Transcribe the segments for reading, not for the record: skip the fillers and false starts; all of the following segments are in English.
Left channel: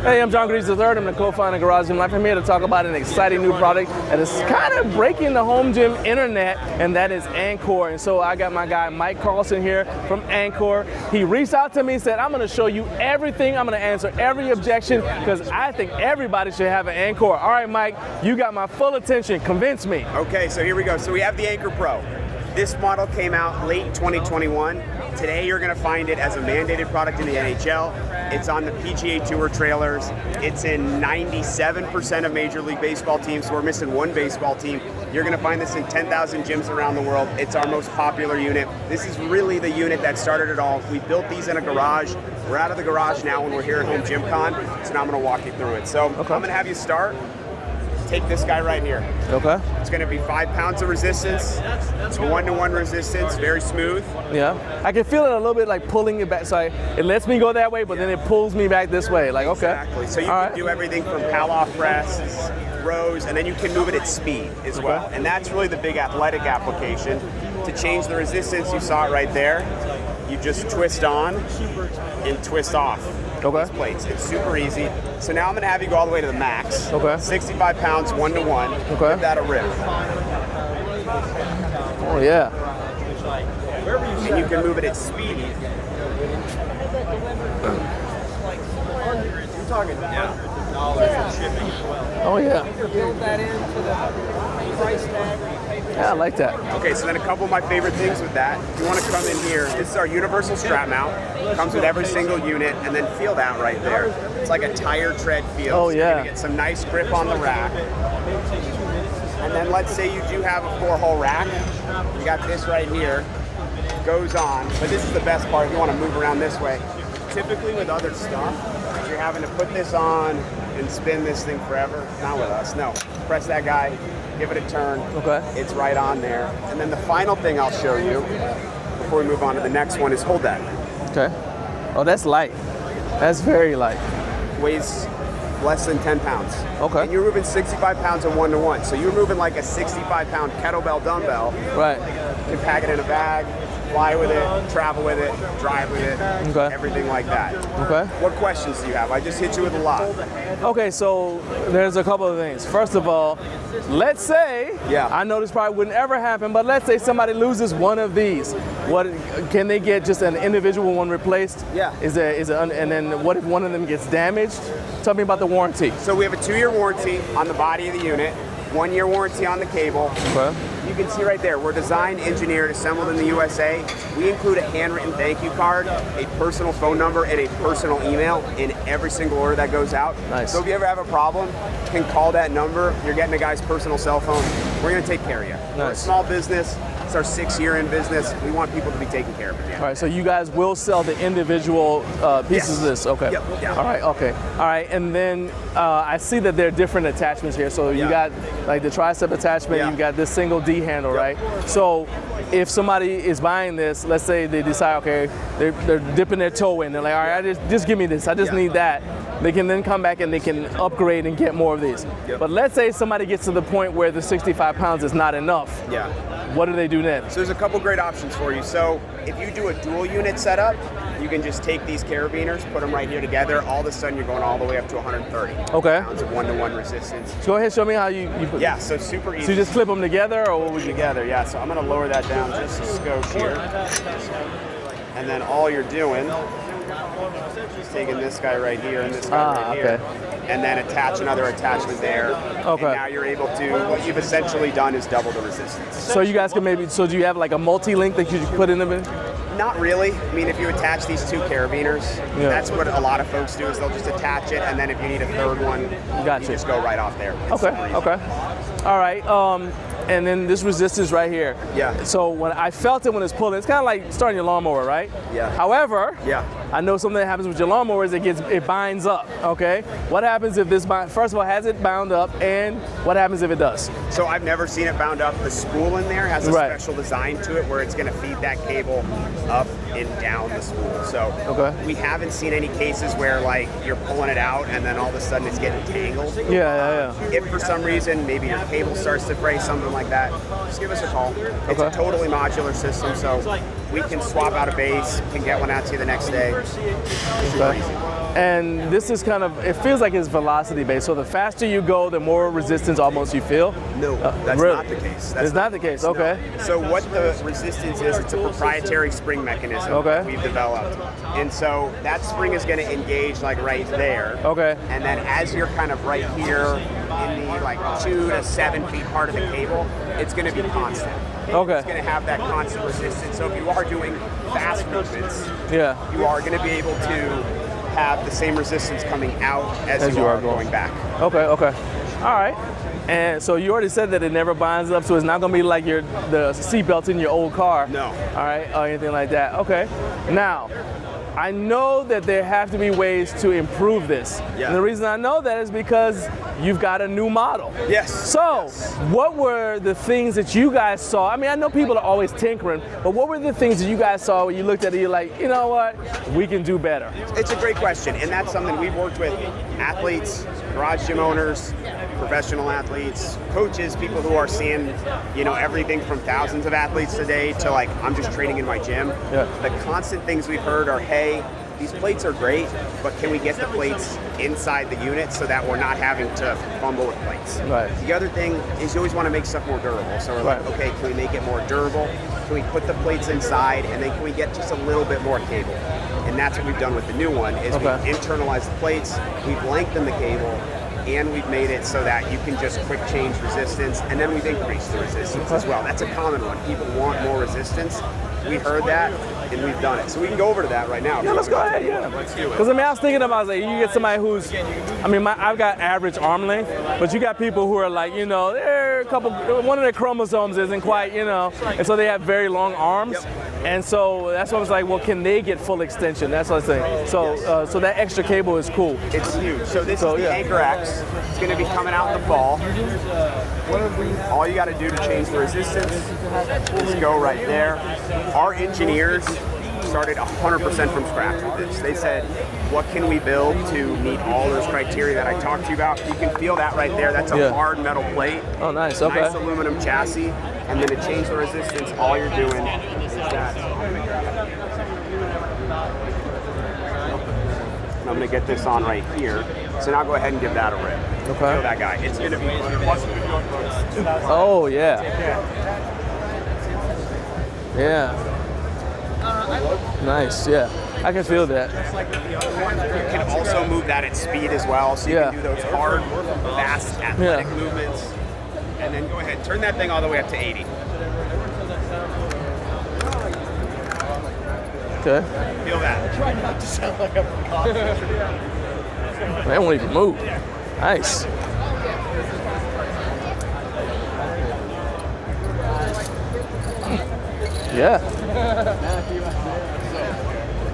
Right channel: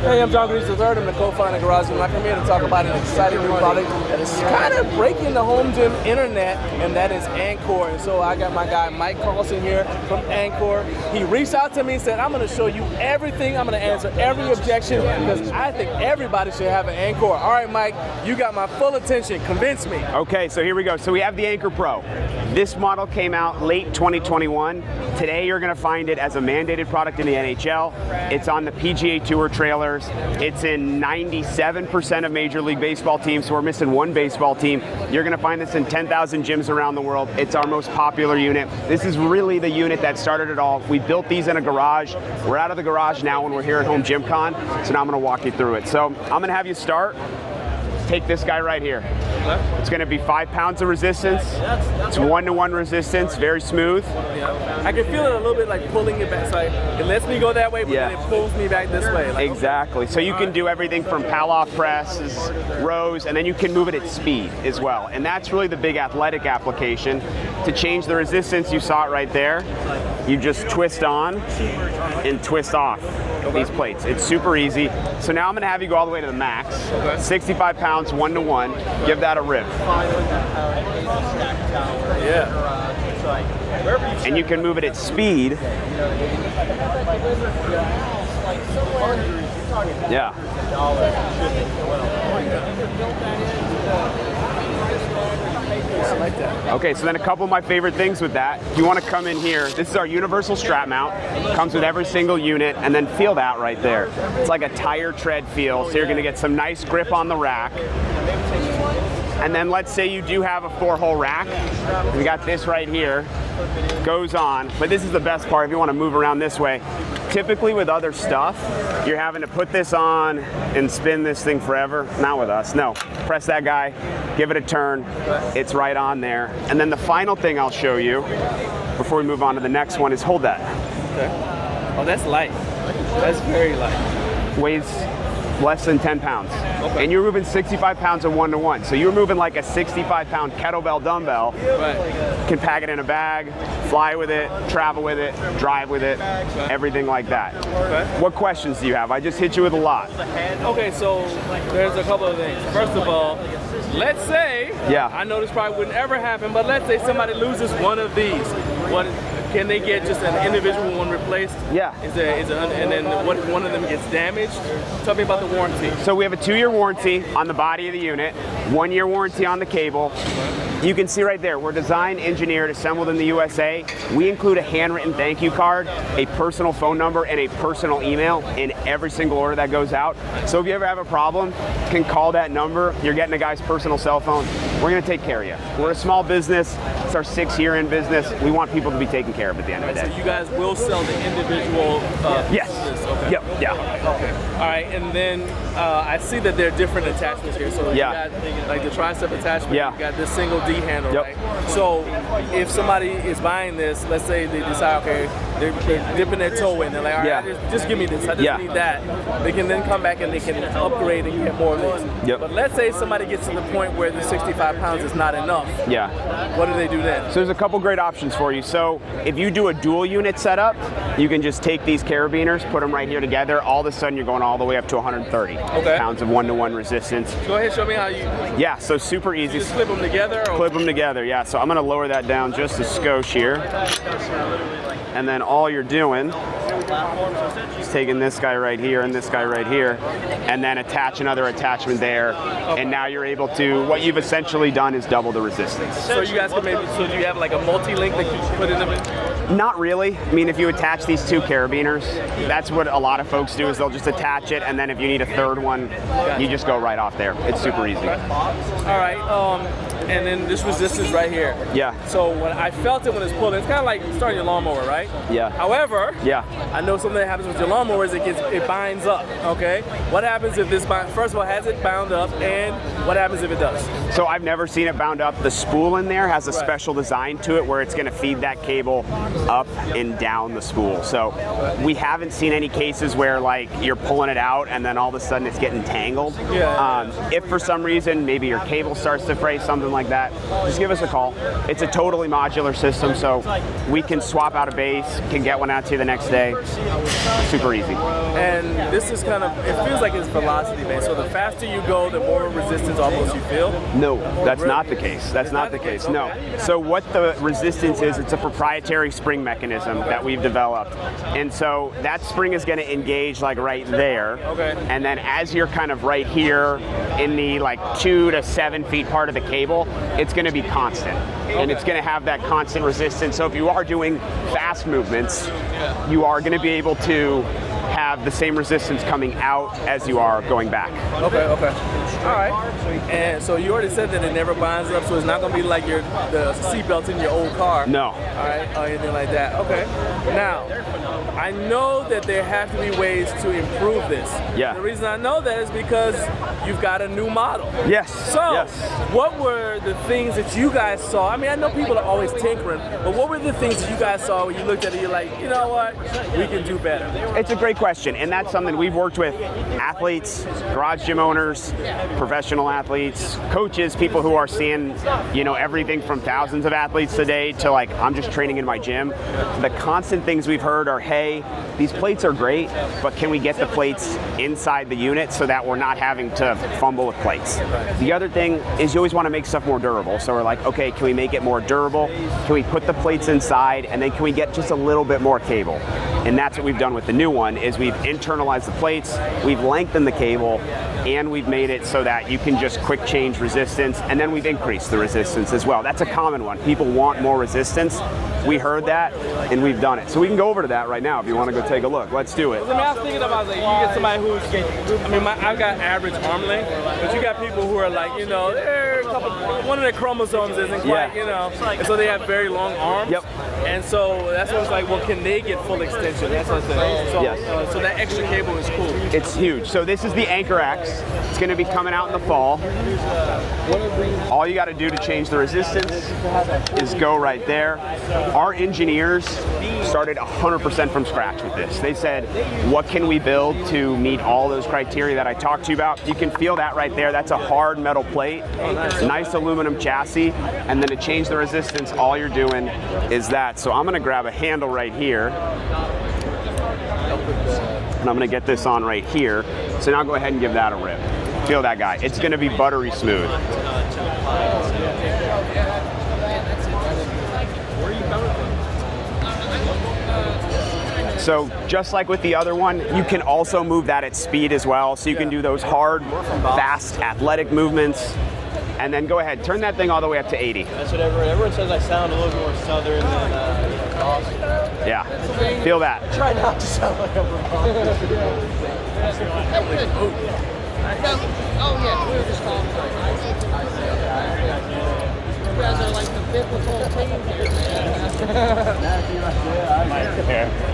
Hey, I'm John Greaves III. I'm the co-founder of Garage Gym Life. I'm here to talk about an exciting new product that is kind of breaking the home gym internet, and that is Ancore. And so I got my guy Mike Carlson here from Ancore. He reached out to me and said, I'm going to show you everything. I'm going to answer every objection because I think everybody should have an Ancore. All right, Mike, you got my full attention. Convince me. Okay, so here we go. So we have the Acre Pro. This model came out late 2021. Today you're going to find it as a mandated product in the NHL. It's on the PGA Tour trailers. It's in 97% of Major League Baseball teams, so we're missing one baseball team. You're going to find this in 10,000 gyms around the world. It's our most popular unit. This is really the unit that started it all. We built these in a garage. We're out of the garage now when we're here at HomeGymCon, so now I'm going to walk you through it. So I'm going to have you start. Take this guy right here. Okay. It's going to be 5 pounds of resistance. It's 1-to-1 resistance, very smooth. Yeah. I can feel it a little bit like pulling it back. So it lets me go that way, but then it pulls me back this way. Like, exactly. Okay. So you can do everything from pal-off presses, rows, and then you can move it at speed as well. And that's really the big athletic application. To change the resistance, you saw it right there. You just twist on and twist off these plates. It's super easy. So now I'm going to have you go all the way to the max. Okay. 65 pounds, 1-to-1. Okay. Give that a rip. Oh, yeah. And you can move it at speed. Yeah. Oh, yeah. Yeah, I like that. Okay, so then a couple of my favorite things with that. If you want to come in here, this is our universal strap mount. Comes with every single unit, and then field out right there. It's like a tire tread feel, so you're going to get some nice grip on the rack. And then let's say you do have a 4-hole rack. We got this right here. Goes on, but this is the best part if you want to move around this way. Typically with other stuff, you're having to put this on and spin this thing forever. Not with us, no. Press that guy, give it a turn, it's right on there. And then the final thing I'll show you, before we move on to the next one, is hold that. Okay. Oh, that's light. That's very light. Weighs less than 10 pounds. Okay. And you're moving 65 pounds of 1-to-1. So you're moving like a 65-pound kettlebell dumbbell. Right. You can pack it in a bag, fly with it, travel with it, drive with it, everything like that. Okay. What questions do you have? I just hit you with a lot. Okay, so there's a couple of things. First of all, let's say, I know this probably wouldn't ever happen, but let's say somebody loses one of these. What can they get just an individual one replaced? Yeah. And then what if one of them gets damaged? Tell me about the warranty. So we have a 2-year warranty on the body of the unit, 1-year warranty on the cable. Okay. You can see right there, we're designed, engineered, assembled in the USA. We include a handwritten thank you card, a personal phone number, and a personal email in every single order that goes out. Nice. So if you ever have a problem, you can call that number. You're getting a guy's personal cell phone. We're going to take care of you. We're a small business. It's our 6th year in business. We want people to be taken care of at the end of the day. So you guys will sell the individual pieces of this? Okay. Yep. Yeah. All right. Okay. All right. And then I see that there are different attachments here. So you got like the tricep attachment. You got this single D handle, right? So if somebody is buying this, let's say they decide, okay, they're dipping their toe in. They're like, all right, just give me this. I just need that. They can then come back and they can upgrade and get more of these. But let's say somebody gets to the point where the 65 pounds is not enough. What do they do then? So there's a couple great options for you. So if you do a dual unit setup, you can just take these carabiners, put them right here together. All of a sudden you're going all the way up to 130 pounds of 1-to-1 resistance. Go ahead, show me how you so super easy. So you just clip them together? Or? Clip them together, So I'm going to lower that down just a skosh here. And then all you're doing is taking this guy right here and this guy right here, and then attach another attachment there. And now you're able to, what you've essentially done is double the resistance. So you guys can maybe, so do you have like a multi-link that you just put in them in? Not really. I mean, if you attach these 2 carabiners, that's what a lot of folks do, is they'll just attach it, and then if you need a 3rd one, you just go right off there. It's super easy. All right. And then this resistance right here. So when I felt it when it's pulling, it's kind of like starting your lawnmower, right? However, I know something that happens with your lawnmower is it binds up. Okay. What happens if this first of all, has it bound up, and what happens if it does? So I've never seen it bound up. The spool in there has a special design to it where it's going to feed that cable up and down the spool. So we haven't seen any cases where like you're pulling it out and then all of a sudden it's getting tangled. If for some reason maybe your cable starts to fray, something like that, just give us a call. It's a totally modular system, so we can swap out a base, can get one out to you the next day. Super easy. And this is kind of, it feels like it's velocity based. So the faster you go, the more resistance almost you feel. No, that's Really? not the case. That's It's not the case, okay. No. So what the resistance is, it's a proprietary spring mechanism that we've developed. And so that spring is going to engage like right there. Okay. And then as you're kind of right here in the like 2 to 7 feet part of the cable, it's going to be constant. And it's going to have that constant resistance. So if you are doing fast movements, you are going to be able to have the same resistance coming out as you are going back. Okay, okay. All right. And so you already said that it never binds up, so it's not going to be like the seatbelt in your old car. No. All right, or anything like that. Okay. Now, I know that there have to be ways to improve this. Yeah. And the reason I know that is because you've got a new model. Yes. So, yes. What were the things that you guys saw? I mean, I know people are always tinkering, but what were the things that you guys saw when you looked at it, you're like, you know what, we can do better? It's a great question, and that's something we've worked with athletes, garage gym owners, professional athletes, coaches, people who are seeing, you know, everything from thousands of athletes a day to like, I'm just training in my gym. The constant things we've heard are, hey, these plates are great, but can we get the plates inside the unit so that we're not having to fumble with plates? Right. The other thing is you always want to make stuff more durable. So we're like, okay, can we make it more durable? Can we put the plates inside, and then can we get just a little bit more cable? And that's what we've done with the new one, is we've internalized the plates, we've lengthened the cable, and we've made it so that you can just quick change resistance, and then we've increased the resistance as well. That's a common one. People want more resistance. We heard that, and we've done it. So we can go over to that right now if you want to go take a look. Let's do it. Because I mean, I was thinking about like, you get somebody who's, I mean, I've got average arm length, but you got people who are like, you know, they're one of their chromosomes isn't quite, you know, and so they have very long arms. Yep. And so that's what I was like, well, can they get full extension? That's what I'm saying. So, so that extra cable is cool. It's huge. So this is the Anchor X. It's going to be coming out in the fall. All you got to do to change the resistance is go right there. Our engineers started 100% from scratch with this. They said, what can we build to meet all those criteria that I talked to you about? You can feel that right there. That's a hard metal plate. Oh, nice. Nice aluminum chassis. And then to change the resistance, all you're doing is that. So I'm going to grab a handle right here. And I'm going to get this on right here. So now go ahead and give that a rip. Feel that guy. It's going to be buttery smooth. Oh, yeah. Yeah. Nice, yeah. I can feel that. Just like with the other one, you can also move that at speed as well. So you can do those hard, fast, athletic movements. And then go ahead, turn that thing all the way up to 80. That's what everyone says. I sound a little more southern than Austin. Yeah, Okay. feel that. Try not to sound like a That one even move. Nice. Yeah.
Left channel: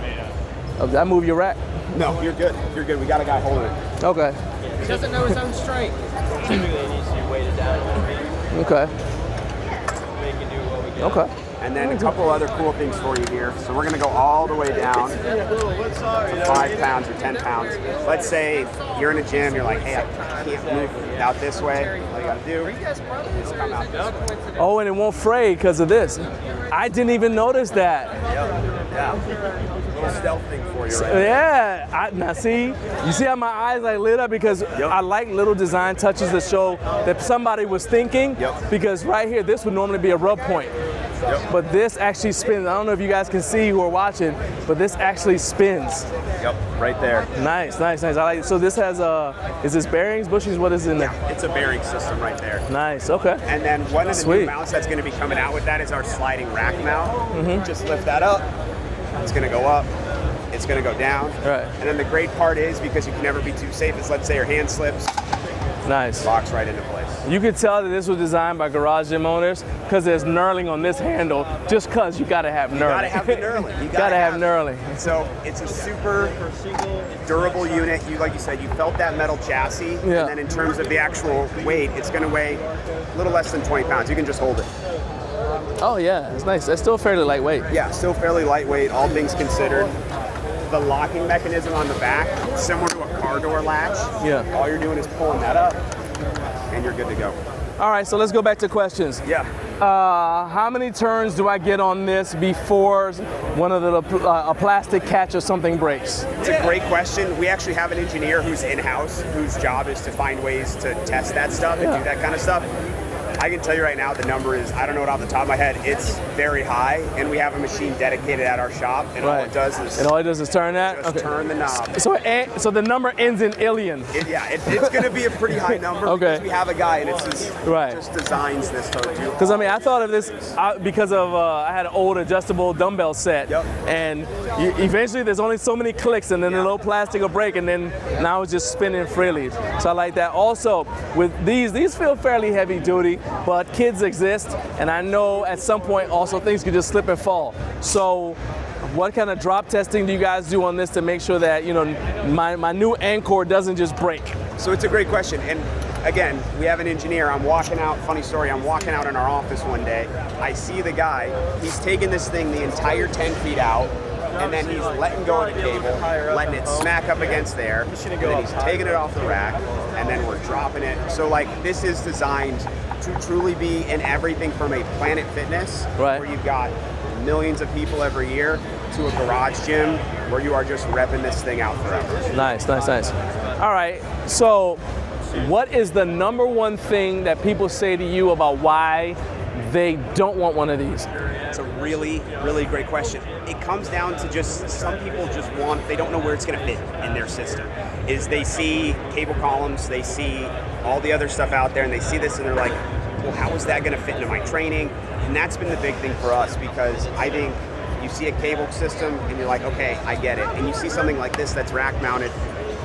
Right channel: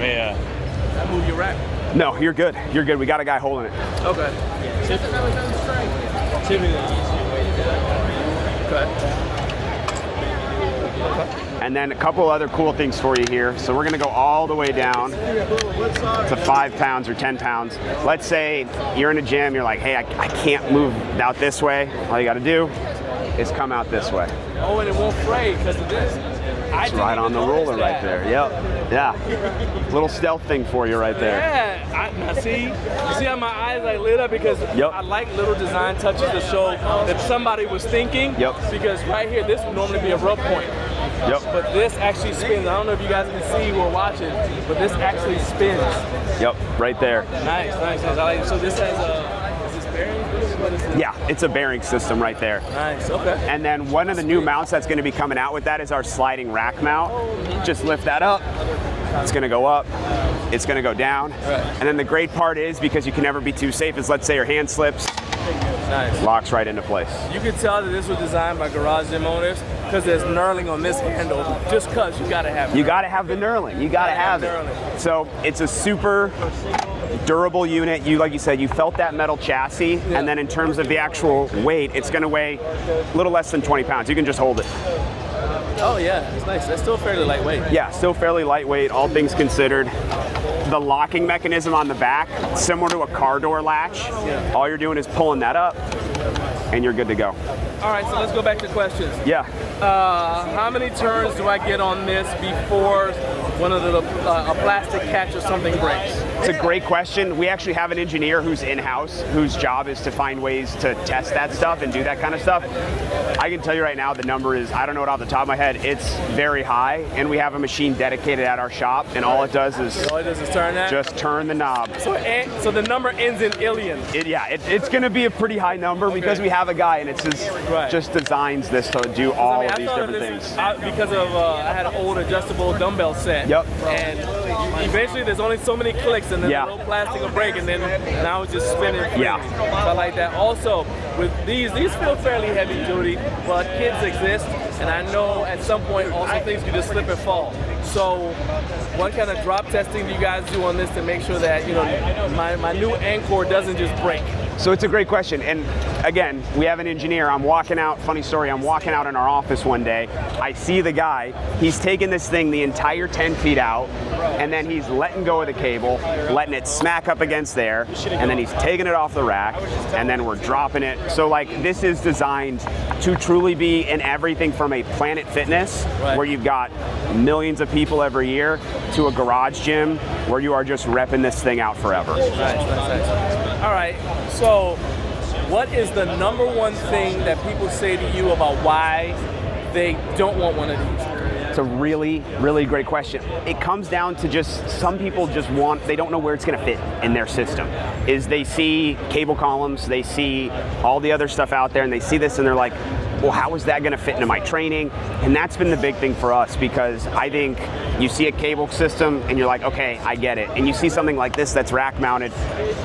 Yeah. Oh, did I move your rack? No, you're good. You're good. We got a guy holding it. Okay. Okay. Okay. And then a couple other cool things for you here. So we're going to go all the way down to 5 pounds or 10 pounds. Let's say you're in a gym, you're like, hey, I can't move out this way. All you got to do is come out this way. Oh, and it won't fray because of this. I didn't Right even on the notice roller that. Right there. Yep. Yeah. Little stealth thing for you right there. Yeah. Now see, you see how my eyes like lit up because I like little design touches to show that somebody was thinking. Yep. Because right here, this would normally be a rub point. Yep. But this actually spins. I don't know if you guys can see who are watching, but this actually spins. Yep, right there. Nice, nice, nice. I like. So this has is this bearings, bushings? What is it? Yeah, it's a bearing system right there. Nice. Okay. And then one of the new mounts that's going to be coming out with that is our sliding rack mount. Just lift that up. It's going to go up. It's going to go down. Right. And then the great part is, because you can never be too safe, is let's say your hand slips, Nice. locks right into place. You can tell that this was designed by garage gym owners because there's knurling on this handle. Just because you got to have knurling. You got to have the knurling. You got to have knurling. So it's a super durable unit. You, like you said, you felt that metal chassis, and then in terms of the actual weight, it's going to weigh a little less than 20 pounds. You can just hold it. Oh yeah, it's nice. It's still fairly lightweight. Yeah, still fairly lightweight, all things considered. The locking mechanism on the back, similar to a car door latch. Yeah. All you're doing is pulling that up, and you're good to go. All right, so let's go back to questions. Yeah. How many turns do I get on this before one of a plastic catch or something breaks? It's a great question. We actually have an engineer who's in-house, whose job is to find ways to test that stuff and do that kind of stuff. I can tell you right now the number is, I don't know it off the top of my head, it's very high, and we have a machine dedicated at our shop, and all it does is turn that? Just turn the knob. So the number ends in alien. It's going to be a pretty high number because we have a guy that just designs this to do all Because I mean, I these thought of this because of I had an old adjustable dumbbell set. Yep. And eventually, there's only so many clicks, and then the little plastic will break, and then now it's just spinning freely. So I like that. Also, with these feel fairly heavy duty, but kids exist, and I know at some point also things can just slip and fall. So what kind of drop testing do you guys do on this to make sure that, you know, my new Ancore doesn't just break? So it's a great question, and again, we have an engineer. I'm walking out, funny story, I'm walking out in our office one day. I see the guy, he's taking this thing the entire 10 feet out, and then he's letting go of the cable, letting it smack up against there, and then he's taking it off the rack, and then we're dropping it. So like, this is designed to truly be in everything from a Planet Fitness, where you've got millions of people every year, to a garage gym where you are just repping this thing out forever. Nice. All right, so what is the number one thing that people say to you about why they don't want one of these? It's a really, really great question. It comes down to just, some people just they don't know where it's gonna fit in their system. Is they see cable columns, they see all the other stuff out there, and they see this and they're like, well, how is that gonna fit into my training? And that's been the big thing for us, because I think you see a cable system and you're like, okay, I get it. And you see something like this that's rack mounted,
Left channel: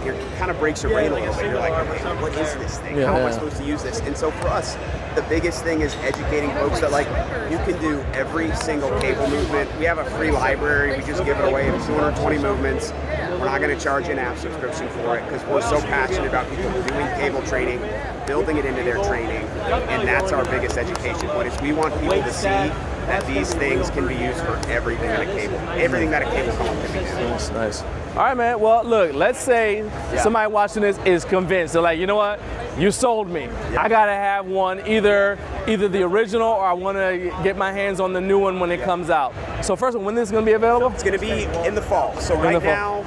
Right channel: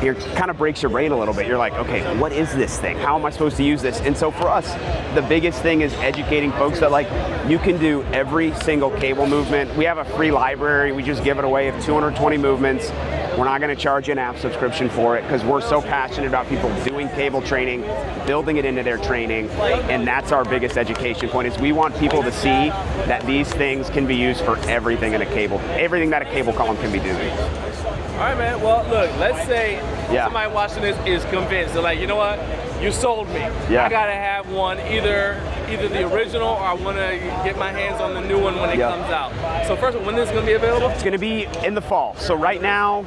it kind of breaks your brain a little bit. You're like, okay, what is this thing? How am I supposed to use this? And so for us, the biggest thing is educating folks that like, you can do every single cable movement. We have a free library, we just give it away of 220 movements. We're not gonna charge you an app subscription for it because we're so passionate about people doing cable training, building it into their training, and that's our biggest education point, is we want people to see that these things can be used for everything in a cable, everything that a cable column can be doing. Nice. All right, man, well, look, let's say somebody watching this is convinced. They're like, you know what? You sold me. I gotta have one, either the original, or I wanna get my hands on the new one when it comes out. So first, when is this gonna be available? It's gonna be in the fall. So now,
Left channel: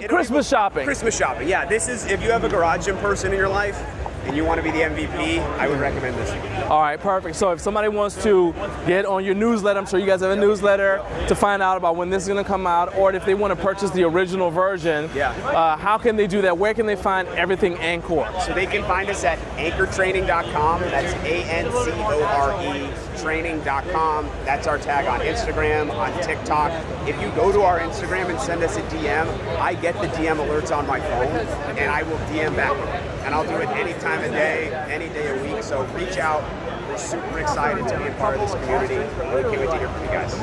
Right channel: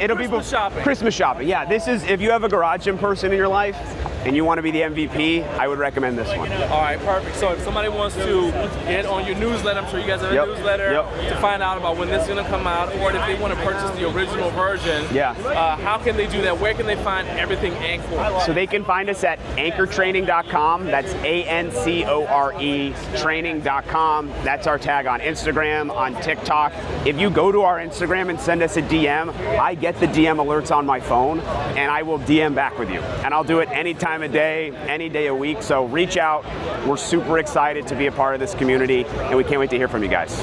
it'll Christmas shopping. Christmas shopping, yeah. This is, if you have a garage gym person in your life and you want to be the MVP, I would recommend this one. All right, perfect. So if somebody wants to get on your newsletter, I'm sure you guys have a newsletter, to find out about when this is going to come out, or if they want to purchase the original version, how can they do that? Where can they find everything Ancore? So they can find us at ancoretraining.com. That's ANCORE training.com. That's our tag on Instagram, on TikTok. If you go to our Instagram and send us a DM, I get the DM alerts on my phone, and I will DM back with you. And I'll do it any time of day, any day a week. So reach out. We're super excited to be a part of this community, and we can't wait to hear from you guys.